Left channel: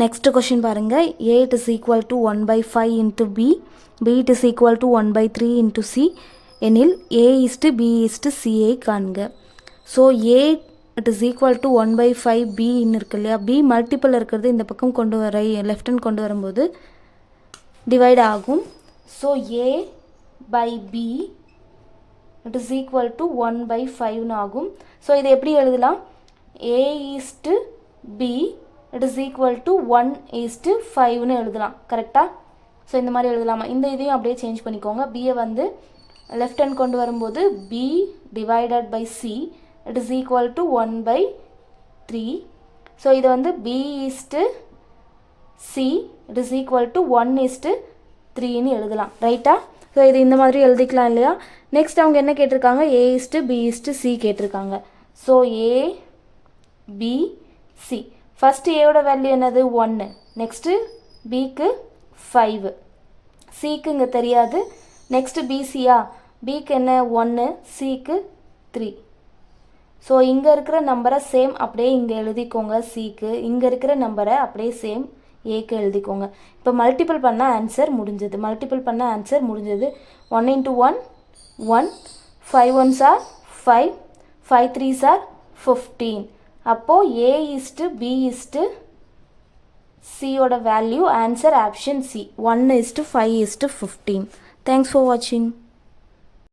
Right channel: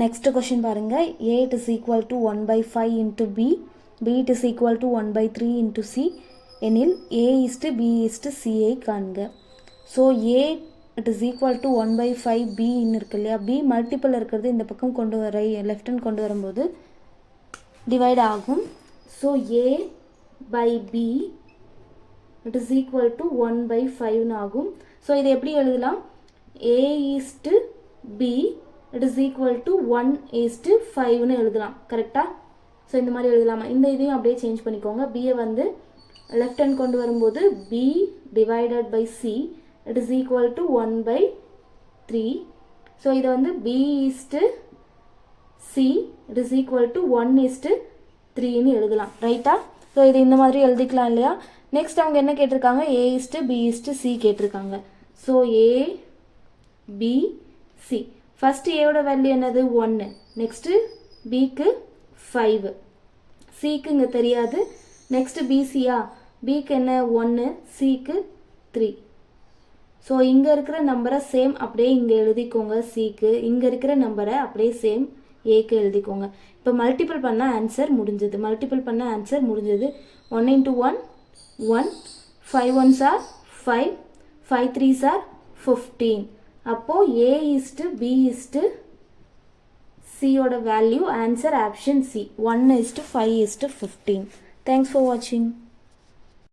Next question பாருங்க. A it is equal to 1 by 5 into B. B it is equal to 1 by 3 into C. எனில் A is to B is to C ஐ காண்க. So A it is equal to 1 by 5 B இருக்கு இல்லையா, B multiple இருக்கிறது இந்த பக்கம் கொண்டு வர left hand கொண்டு வரும்போது டிவைட் ஆகும். So A by B it is equal to 1 by 5 ஆகும். So இது எப்படி எழுதலாம்? A is to B it is equal to 1 is to 5 எழுதலாம். கரெக்டா? ஸோ இந்த மாதிரி எழுதலாமா? இந்த இதையும் அப்படியே சேஞ்ச் பண்ணிக்கோங்க. பியை வந்து லெஃப்ட் ஹேண்ட் கொண்டு வரும்போது B divided by C it is equal to 1 by 3. So இதை வந்து B is to C it is equal to 1 is to 3 எழுதலாம். ரைட்டா? ஸோ இது இந்த மாதிரி எழுதிக்கலாம் இல்லையா? நெக்ஸ்ட் அவங்க என்ன கேட்டிருக்காங்க? A is to B is to C கேட்டிருக்காங்க. So A B C first ஏயோட வேல்யூ என்னது? 1. நெக்ஸ்ட்டு பிக்கு 5, சிக்கு இங்கே தெரியாது. நெக்ஸ்ட்டு பிசியா, பிக்கு என்ன 1, சிக்கு 3. ஸோ இங்கே இருக்கிற நம்பரை சேம் அப்படியே இங்கே எழுதிக்கோங்க சிக்கு, இங்கே இருக்கிற நம்பரை அப்படியே சேம் ஏக்கு எழுதிக்கோங்க. இப்போ மல்டிபிள் பண்ண ஆன்சர் முடிஞ்சது. 1 into 1 1, 5 1s are 5, 5 3s are 15. அப்போ A is to B is to C ஓட value answer option C 1 is to 5 is to 15. Thanks for watching.